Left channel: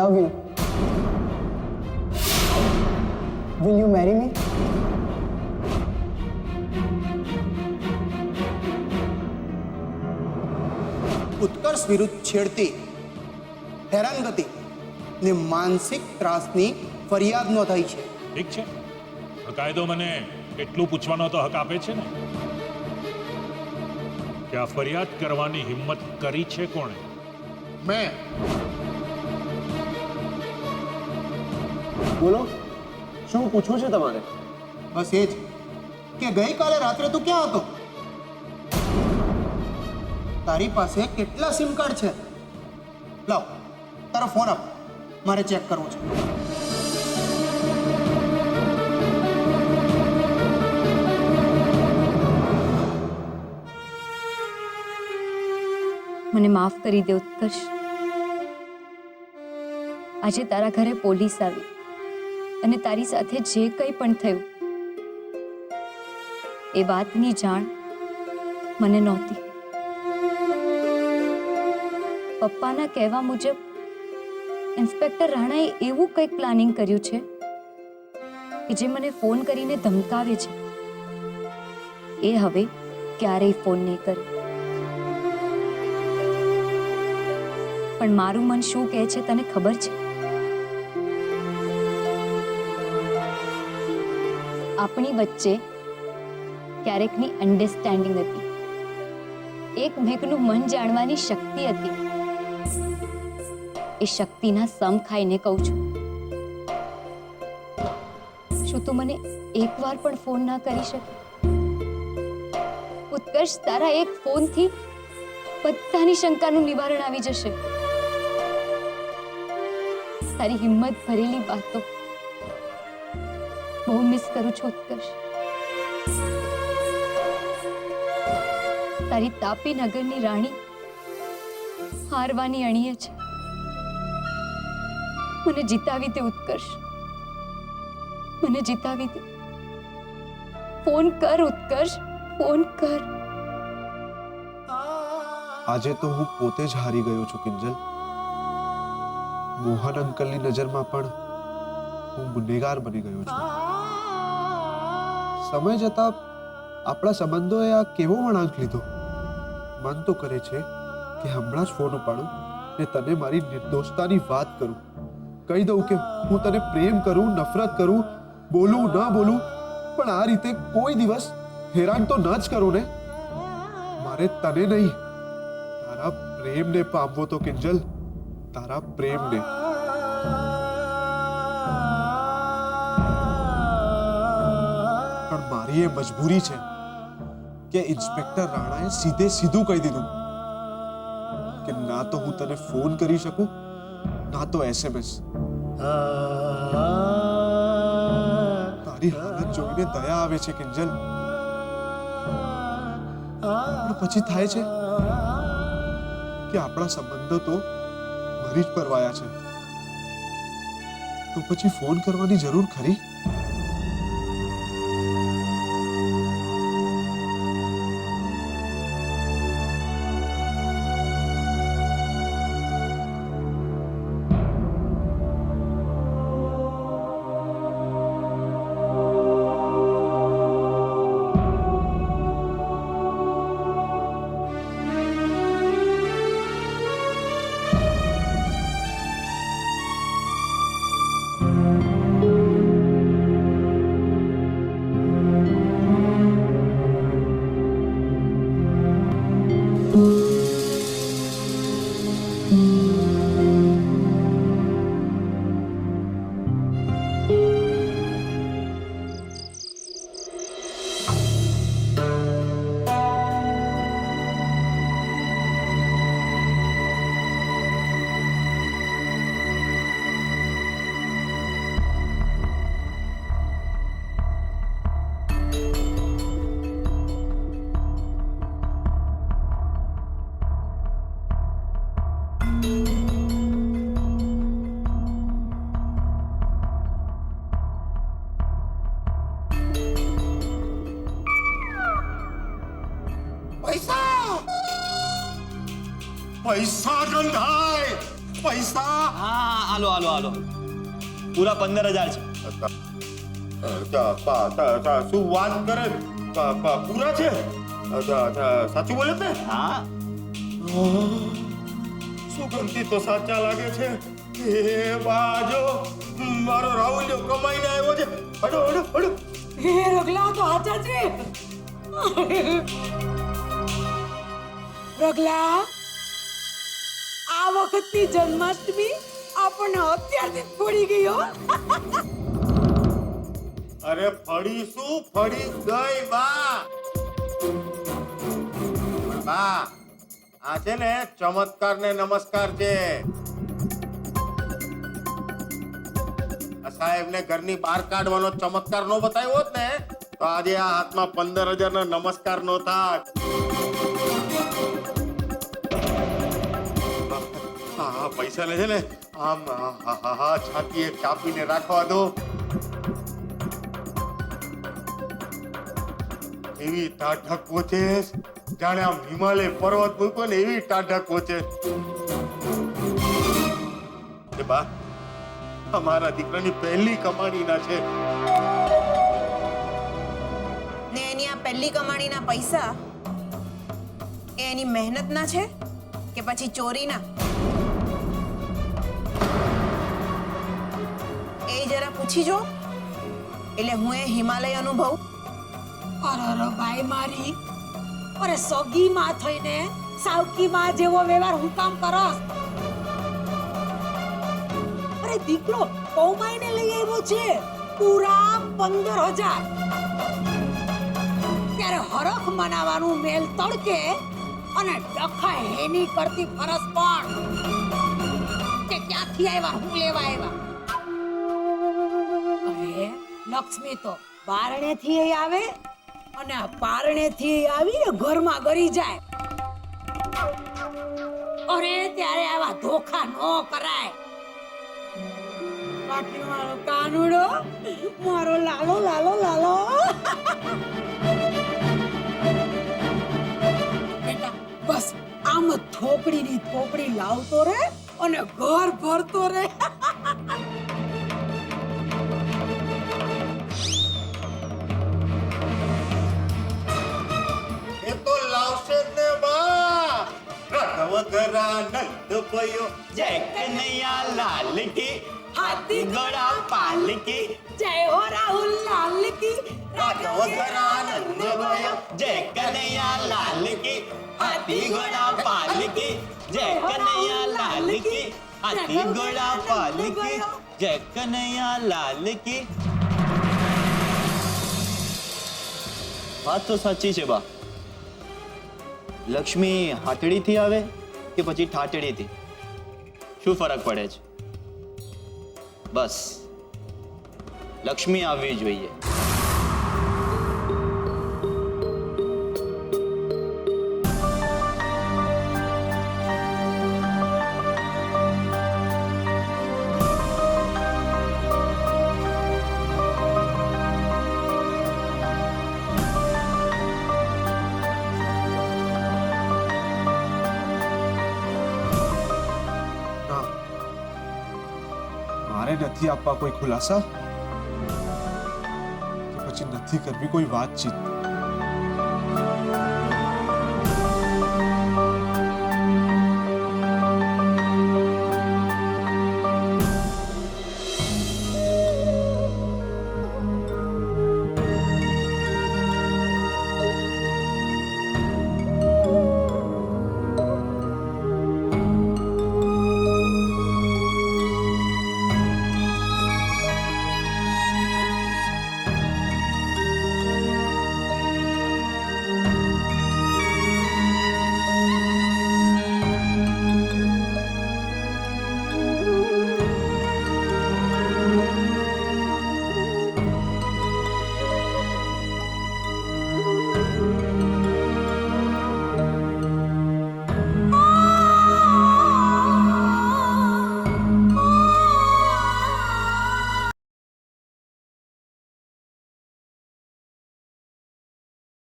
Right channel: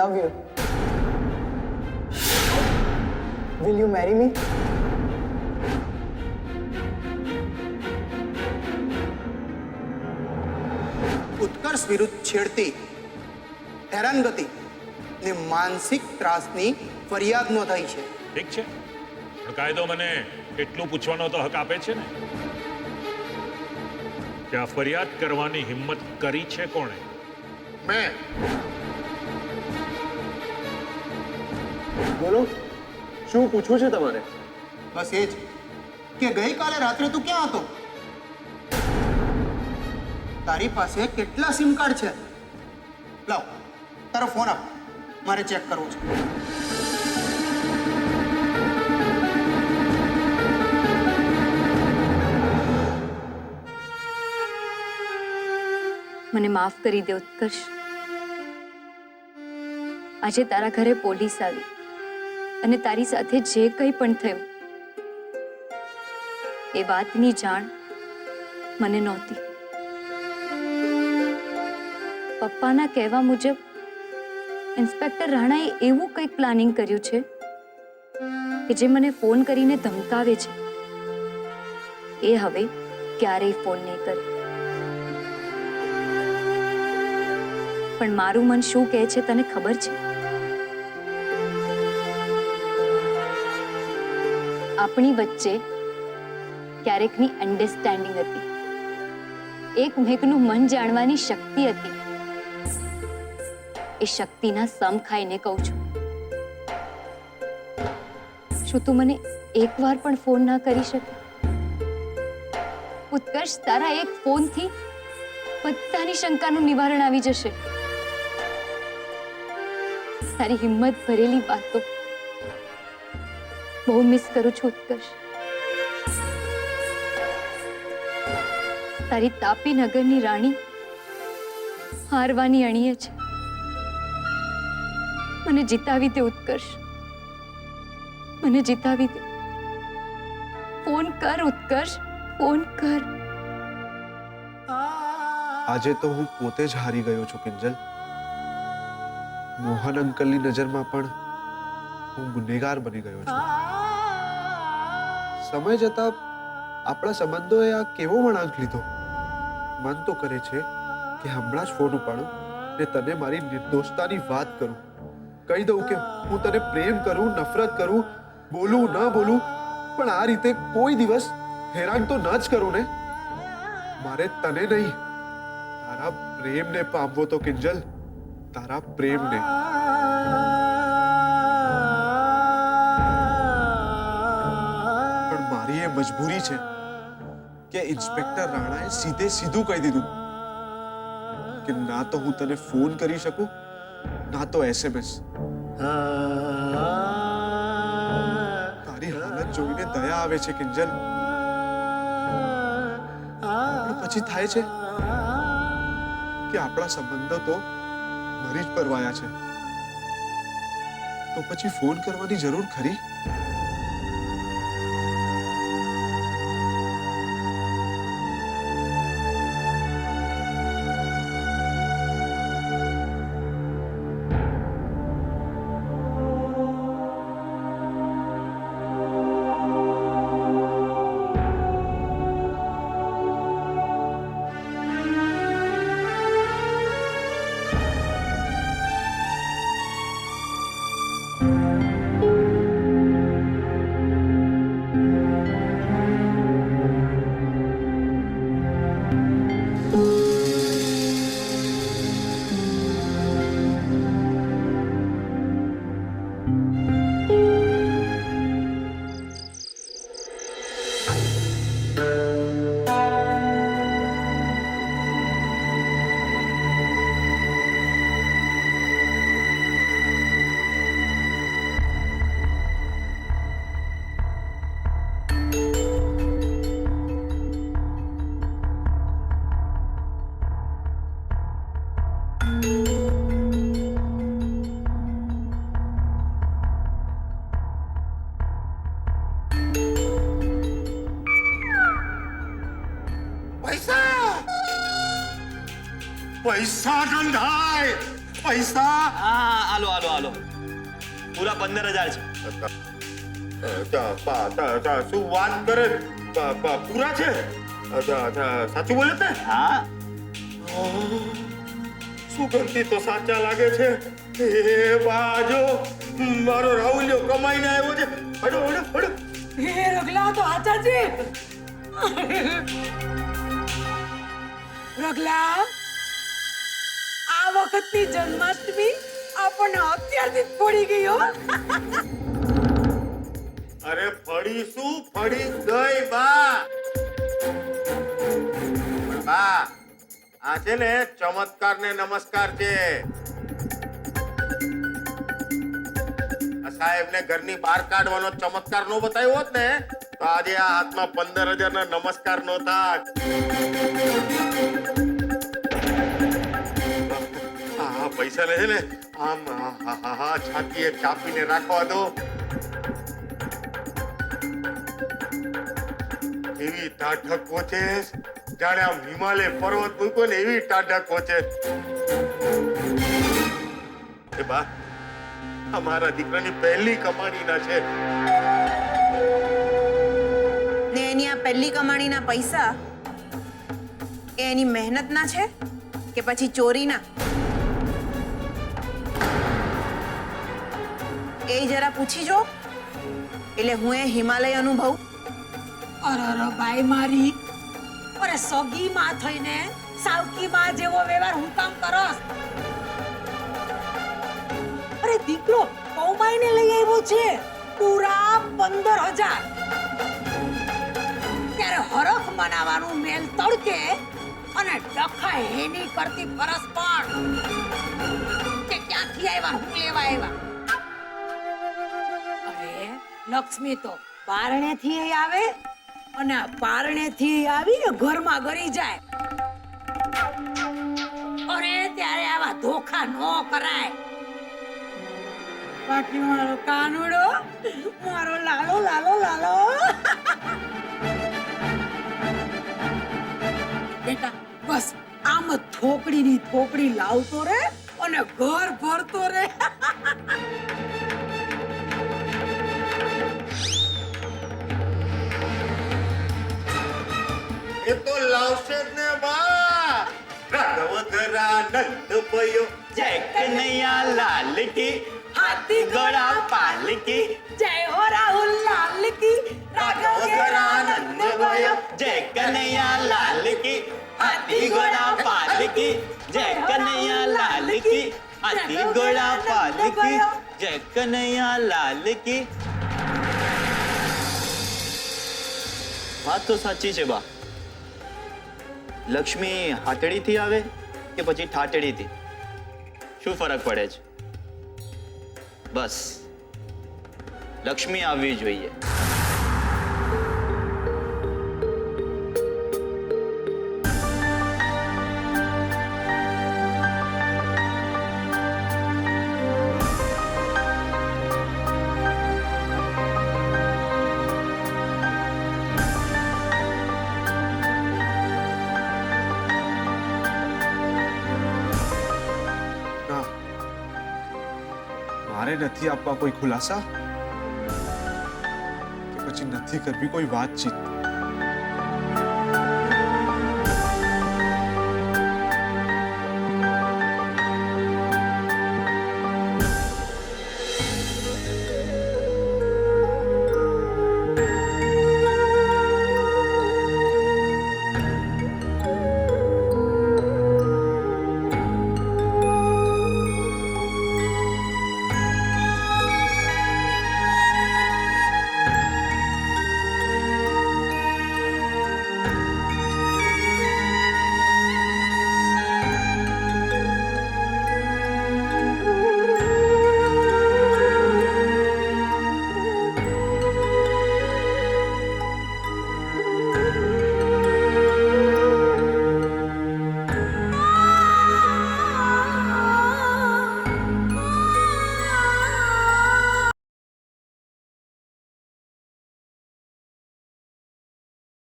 love you. Will you marry me? ઉત્કર્ષ વિરુદ્ધ છેડતી, હેરાનગતિ ને માનસિક ત્રાસની ફરિયાદ નોંધાઈ છે. ઠીક છે, પણ કાયદો મને એટલું પૂછવાનો તો હક આપે છે ને કે આ ફરિયાદ કરવાની હિંમત કરી છે કોણે? મેં. બોલો, શું પૂછવું છે તમારે? બસ એ જ કે ગઈકાલે રાત્રે તું ક્યાં હતો? તારી પાસે કેટલા સિમ કાર્ડ છે? લાવ તારો ફોન આપ, મારે ચેક કરવો છે. મને માફ કરી દે ઉત્કર્ષ. આજે તારા ઘરે પોલીસ આવી અને તારી સાથે જે કંઈ પણ થયું એ વાતની જાણ મને નહોતી. પપ્પાના કહેવા મુજબ ઇન્સ્પેક્ટર રાણાએ એવું કંઈક પ્લાનિંગ કર્યું છે કે જે મને ફોન કરીને ધમકાવે છે. એ હવે ક્યારેય ફોન નહીં કરે. પણ મારું મન શું કહે છે તને ખબર છે? આપણી વચ્ચે ક્યારેકની અન્ડરસ્ટેન્ડિંગ હતી, એકમેકનું મન જાણવાની શક્તિ હતી. એ શક્તિના સમ ખાઈને કહું છું. શું તું મને એકવાર પણ ફોન ના કરી શકે? ઉત્કર્ષ, તારા એક ફોનથી બધાની શંકાનું નિવારણ આવી જશે. તારી હિંમત ભરેલી વાતો બહુ મિસ કરું છું ઉત્કર્ષ. તારી તાપી નગરની રાણી હારવાની અણીએ છે. મને જીતાવી દે ઉત્કર્ષ, મને જીતાવી દે. ફોન કર ઉત્કર્ષ, ફોન કર. આજે તો હું પોતે જ હારી ગયો છું કિંજલ. મોહન અંકલની નજરમાં પણ હું ગુનેગાર બની ગયો છું. સમય જતા આપણા સંબંધોએ આ કેવો વળાંક લીધો. મન તો કરે છે કે હમણાં જ ફોન ઉપાડું ને તને મારી નિર્દોષતાની વાત કરું. કહી દઉં કે હું તને પ્રેમ કરું, નફરત કરું, બોલું ન બોલું, પણ આ રીતે કોઈ દિવસ હેરાન તો ન જ કરું ને. મારે તને નહીં, તારા પ્રેમને પામવો તો કિંજલ, તારા પ્રેમને. પણ મારી એ મજબૂરી છે કે ઇન્સ્પેક્ટર રાણાએ સીધે સીધું કહી દીધું કે ના તો હું તને ફોન કરી શકું, ના તો SMS. તારી હાલત જોઈને દયા આવે છે કિંજલ. પણ પછી થાય છે કે આપણા સંબંધો તો મરી જ પરવાયા છે. તો પછી ફોન કરવાની જરૂર ખરી? પૈસા ગંધાય, પૈસા હા આલો આલો આલો પૂરા 15,000 છે. શું વાત કરે? પૂરા છે? સાચું બોલે ને? હા સુગંધી તો સાચા લાગે છે. એ બાજો મારો રાહુલ્યો કમાઈને આવ્યો છે. હડો હડો હડો. હે રગલા તો આચા છે. રગલા આ વખતની જન્માષ્ટમી આપણને અત્યારથી જ પડી ગઈ હો. અરે ફળી શું ફળી ગઈ બા. પણ બા આ છે ને ચમત્કાર ને નમસ્કાર છે. સાહેબ ને ઘરની બહાર કાઢવાનો ચમત્કાર નો બતાવ્યો હોત ને તો આજે આ હાથમાં 15,000 ના નમસ્કાર નો થાત. આ પૈસા લે છે ને આમ છાતીએ ચાપીને રાખવા દો. એવી ટાઢક પહોંચે જાણે આમ હિમાલય પર્વત મૂક્યો ને એવી ટાઢક પહોંચે. એ બા અમારા દીકરાની પહેલી કમાણીના છે. ને એની આ પહેલી કમાણીના પૈસા એ એની મહેનતના છે કે પછી ચોરીના? એ જરા પૂછી જો એટલે હું એ હિમાલય અનુભવ. અરે બાઈ મારી, અરે સગી માં થઈને સાવકી માં જેવો વ્યવહાર હું કામ કરસ? અરે દીકરો કૌમાઈને લઈ આવ્યો છે પૂરા 15,000. ત્યારે હરખ મનાવાનું મેલ તડકે અને ડખા હેની કરતી ફરસ પણ કે ક્યાંથી આવ્યા, હું લેવા આવ્યા? અરે લક્ષ્મી તો બારણેથી આવે અને પારણેથી આવીને ઘરમાં ગરી જાય. અરે ત્યારે આવા ધોખા ન કરાય. બાકી મારો કાનુડો, મારો લાલો લાલો લાલો. બેટા બસ આમ થોકડીની થોકડી લાવતો રે અને ઘર ભરતો રે. એ તો લાવશે જ ને બા. રાઘવ ધરા નંદ પયો જય કનૈયા લાલ કી હાથી ઘોડા પાલ કી જય હો રાહુલ લાલ કી રાઘવ ધરા નંદ ભયો જય કનૈયા લાલ કી હાથી ઘોડા પાલ કી જય કનૈયા લાલ કી હાથી ઘોડા પાલ કી જય કનૈયા લાલ કી. વાત તો સાચી છે બા. લક્ષ્મી હાટડીથી આવે કે પછી ઠાટડીથી, શું ફરક પડે છે? બસ લક્ષ્મી આવવી જોઈએ. ના, મારે નથી આપવા કોઈ ખુલાસા કે પછી નથી કરવી કોઈ વાતચીત.